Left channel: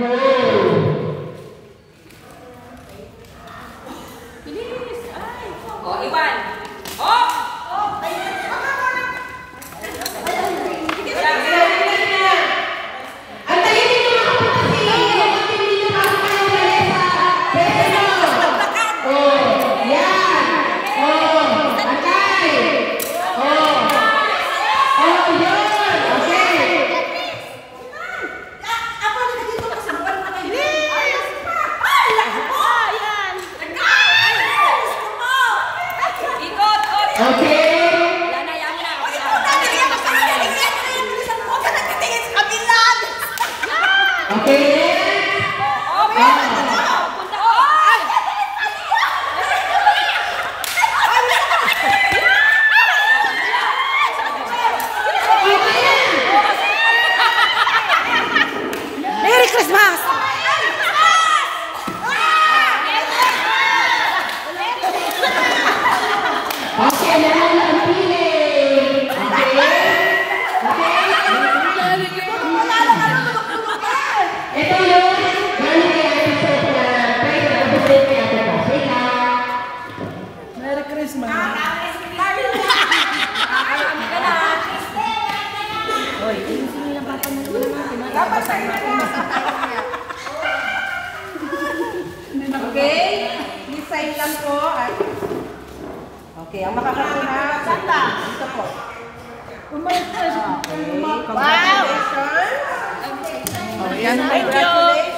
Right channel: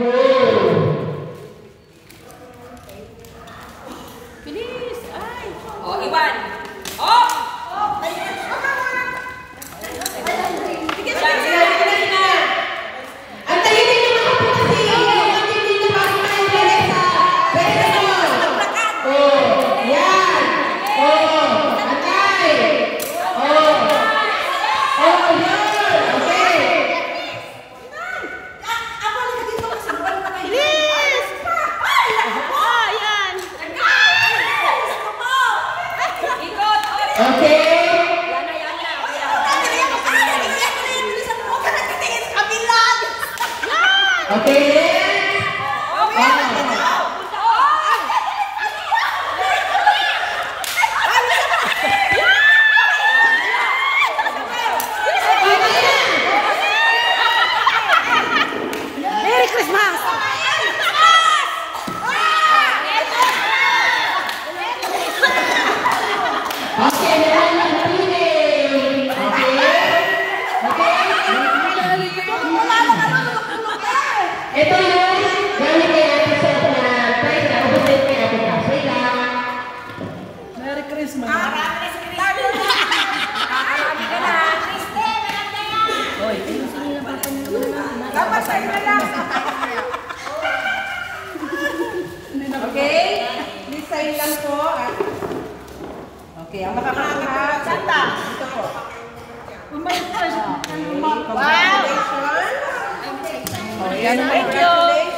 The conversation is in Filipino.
go! Bilis! Ay! Oh, Iwan! Oh! Merry Christmas! Ito yung galing kay Ate Sophia. Praise the Lord. Kay Ate Sophia. Merry Christmas! Oy, sino yung papamulo natin? Okay? Design lang po. Okay, ang makakakuha. Santa. Dito po. Wow! Congratulations. Thank you!